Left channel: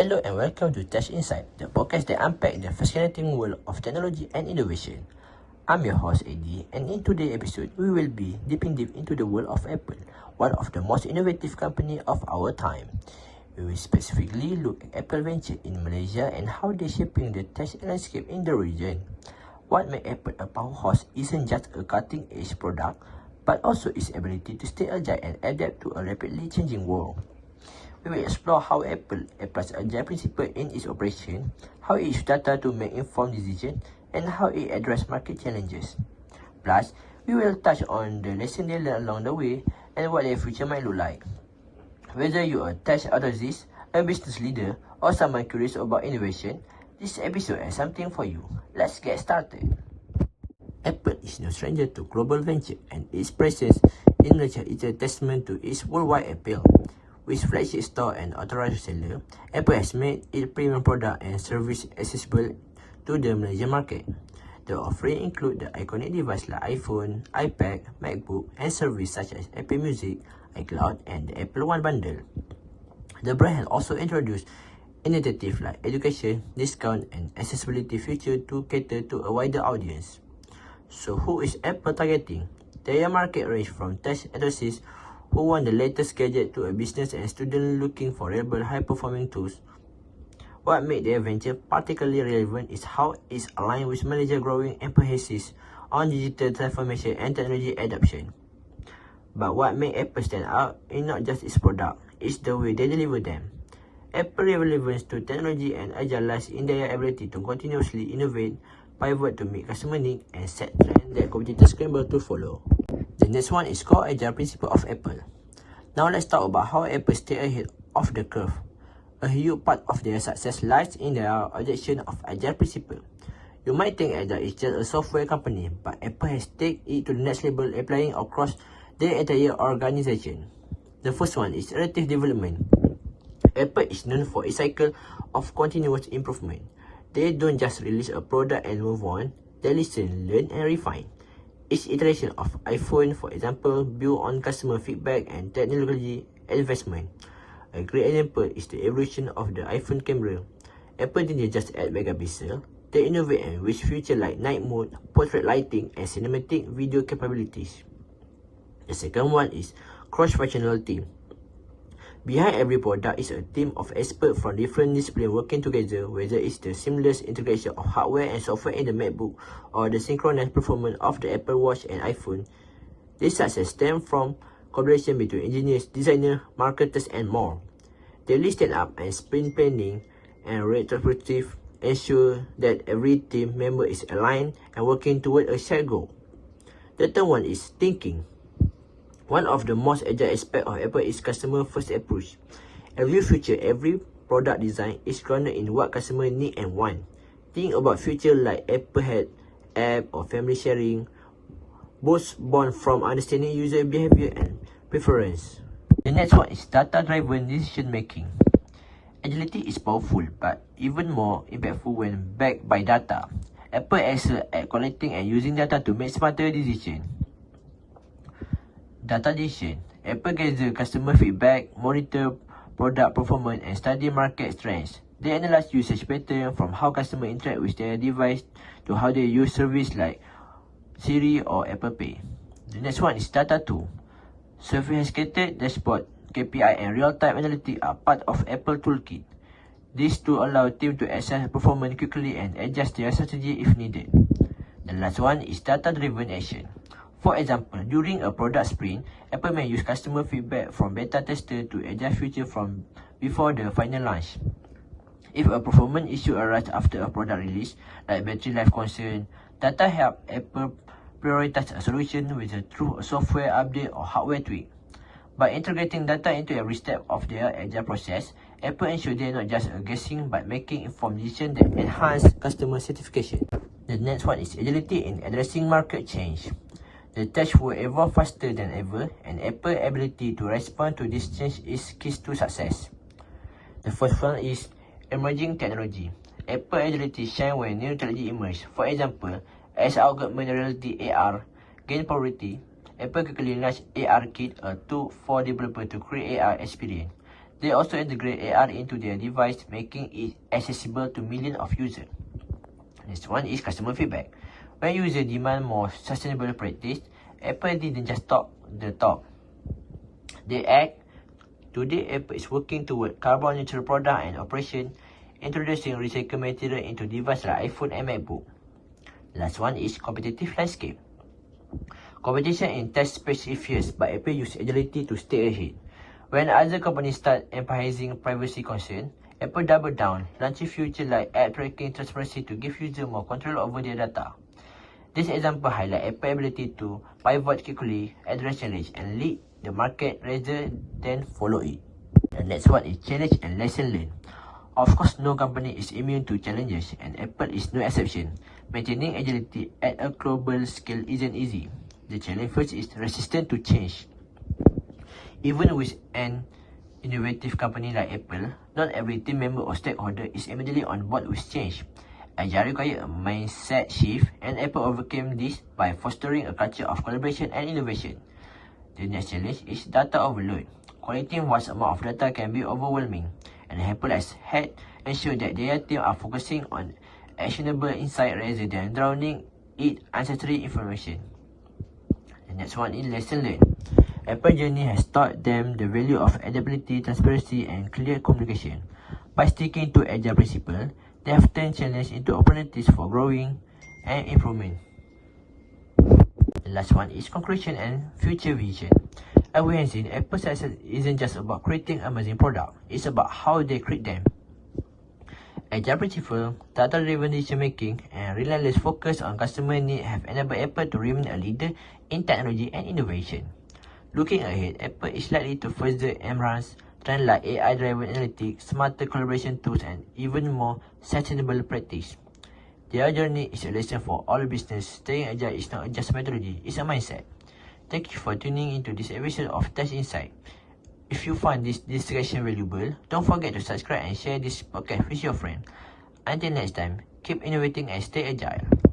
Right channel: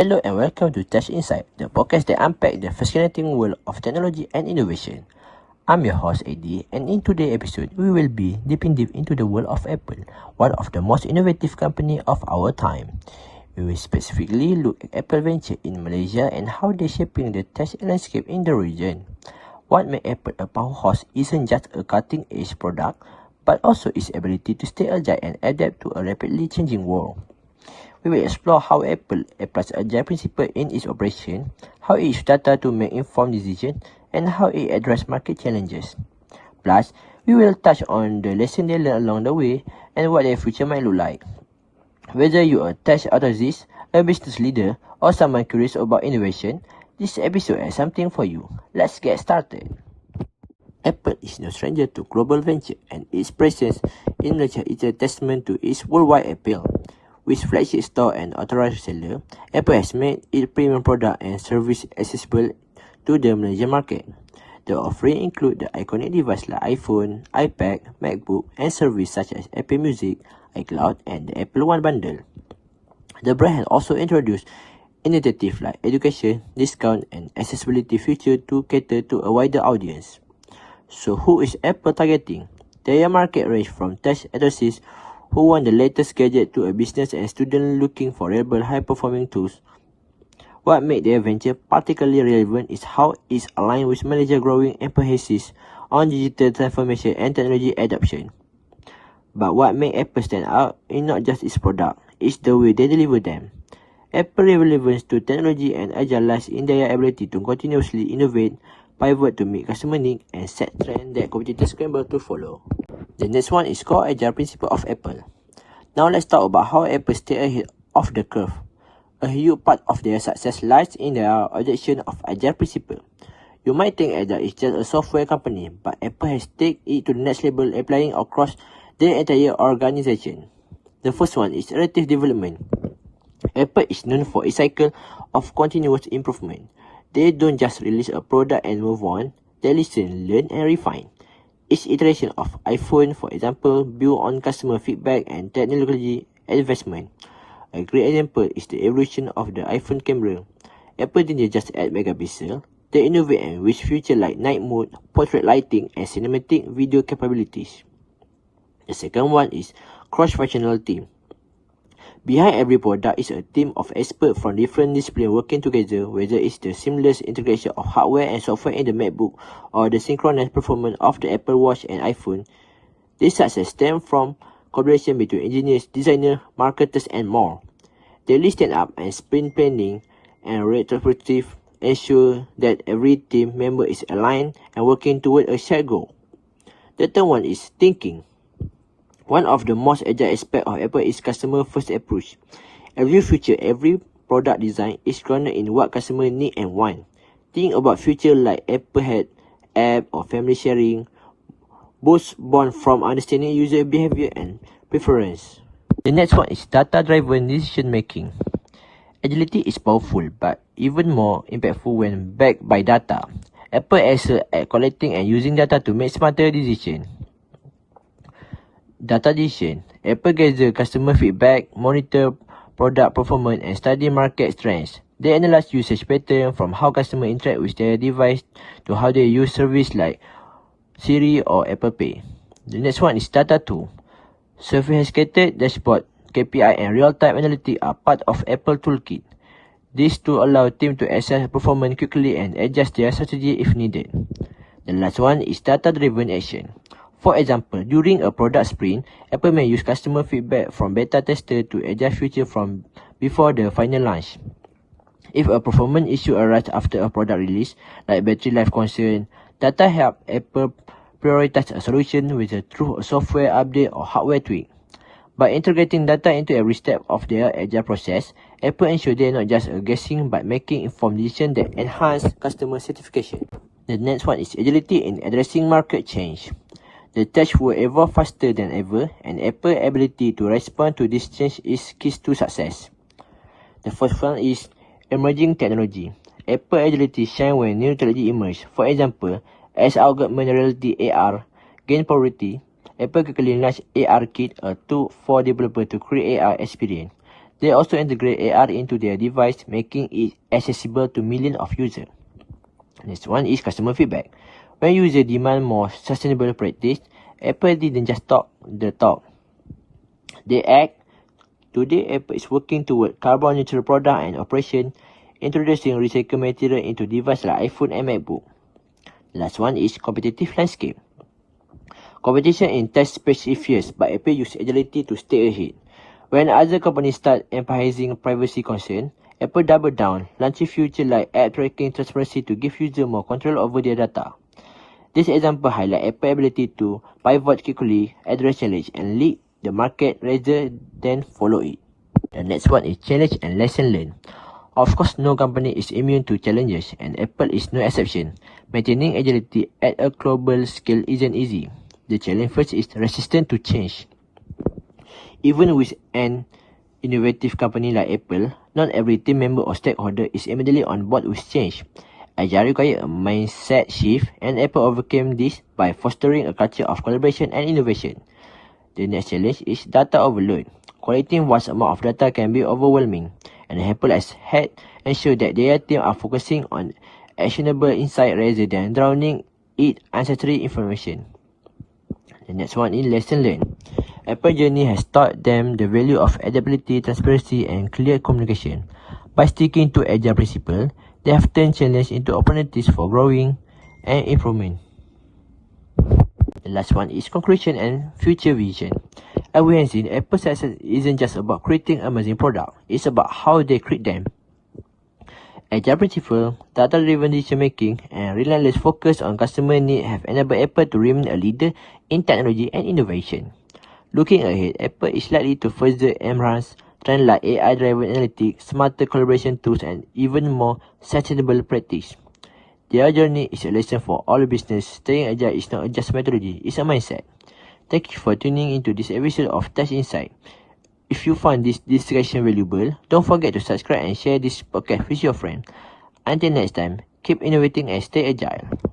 Hello and welcome to Tech Insight, the podcast that unpacks the fascinating world of technology and innovation. I'm your host Eddie, and in today's episode, we will be dipping deep into the world of Apple, one of the most innovative companies of our time. We will specifically look at Apple Venture in Malaysia and how they're shaping the tech landscape in the region. What makes Apple a powerhouse isn't just a cutting-edge product, but also its ability to stay agile and adapt to a rapidly changing world. We will explore how Apple applies agile principle in its operation, how it uses data to make informed decisions, and how it addresses market challenges. Plus, we will touch on the lessons they learned along the way and what their future might look like. Whether you are a tech enthusiast, a business leader, or someone curious about innovation, this episode has something for you. Let's get started. Apple is no stranger to global venture, and its presence in Malaysia is a testament to its worldwide appeal. With flagship store and authorized seller, Apple has made its premium product and service accessible to the Malaysian market. The offering include the iconic devices like iPhone, iPad, MacBook, and services such as Apple Music, iCloud, and the Apple One bundle. The brand has also introduced initiatives like education, discount, and accessibility features to cater to a wider audience. So who is Apple targeting? Their market range from tech enthusiasts who want the latest gadget to a business and student looking for reliable high-performing tools. What makes their venture particularly relevant is how it's aligned with Malaysia's growing emphasis on digital transformation and technology adoption. But what makes Apple stand out is not just its product, it's the way they deliver them. Apple's relevance to technology and agile lies in their ability to continuously innovate, pivot to meet customer needs, and set trends that competitors scramble to follow. The next one is core agile principle of Apple. Now let's talk about how Apple stay ahead of the curve. A huge part of their success lies in their adoption of agile principle. You might think Agile is just a software company, but Apple has taken it to the next level, applying across their entire organization. The first one is iterative development. Apple is known for a cycle of continuous improvement. They don't just release a product and move on, they listen, learn, and refine. Each iteration of iPhone, for example, built on customer feedback and technology advancement. A great example is the evolution of the iPhone camera. Apple didn't just add megapixel, they innovated with features like night mode, portrait lighting, and cinematic video capabilities. The second one is cross-functional team. Behind every product is a team of experts from different disciplines working together, whether it's the seamless integration of hardware and software in the MacBook or the synchronized performance of the Apple Watch and iPhone. This success stems from collaboration between engineers, designers, marketers, and more. Daily stand-up and sprint planning and retrospective ensure that every team member is aligned and working toward a shared goal. The third one is thinking. One of the most agile aspects of Apple is customer-first approach. Every feature, every product design is grounded in what customers need and want. Think about features like Apple Head, app, or family sharing, both born from understanding user behavior and preference. The next one is data-driven decision-making. Agility is powerful, but even more impactful when backed by data. Apple excels at collecting and using data to make smarter decisions. Data decision. Apple gathers customer feedback, monitor product performance, and study market trends. They analyze usage patterns from how customers interact with their device to how they use services like Siri or Apple Pay. The next one is data tool. Sophisticated dashboard, KPI, and real-time analytics are part of Apple Toolkit. These tools allow teams to assess performance quickly and adjust their strategy if needed. The last one is data-driven action. For example, during a product sprint, Apple may use customer feedback from beta testers to adjust features from before the final launch. If a performance issue arises after a product release, like battery life concern, data help Apple prioritize a solution through a software update or hardware tweak. By integrating data into every step of their agile process, Apple ensures they are not just guessing but making informed decisions that enhance customer satisfaction. The next one is agility in addressing market change. The tech will evolve faster than ever, and Apple's ability to respond to this change is key to success. The first one is emerging technology. Apple's agility shines when new technology emerges. For example, as augmented reality AR gained popularity, Apple quickly launched ARKit, a tool for developers to create AR experience. They also integrate AR into their device, making it accessible to millions of users. Next one is customer feedback. When users demand more sustainable practice, Apple didn't just talk the talk. They act. Today, Apple is working toward carbon neutral product and operation, introducing recycled material into devices like iPhone and MacBook. Last one is competitive landscape. Competition in tech space is fierce, but Apple use agility to stay ahead. When other companies start emphasizing privacy concern, Apple double down, launching features like app tracking transparency to give users more control over their data. This example highlights Apple's ability to pivot quickly, address challenge, and lead the market rather than follow it. The next one is challenge and lesson learned. Of course, no company is immune to challenges, and Apple is no exception. Maintaining agility at a global scale isn't easy. The challenge first is resistance to change. Even with an innovative company like Apple, not every team member or stakeholder is immediately on board with change. Agile requires a mindset shift, and Apple overcame this by fostering a culture of collaboration and innovation. The next challenge is data overload. Collecting vast amounts of data can be overwhelming, and Apple has had ensured that their team are focusing on actionable insight rather than drowning in unnecessary information. The next one is lesson learned. Apple journey has taught them the value of adaptability, transparency, and clear communication. By sticking to agile principles, they have turned challenges into opportunities for growing and improvement. The last one is conclusion and future vision. As we have seen, Apple's success isn't just about creating amazing products, it's about how they create them. Agile principle, data-driven decision-making, and relentless focus on customer needs have enabled Apple to remain a leader in technology and innovation. Looking ahead, Apple is likely to further embrace trends like AI-driven analytics, smarter collaboration tools, and even more sustainable practice. Their journey is a lesson for all business. Staying agile is not just a methodology, it's a mindset. Thank you for tuning into this episode of Tech Insight. If you find this discussion valuable, don't forget to subscribe and share this podcast with your friends. Until next time, keep innovating and stay agile.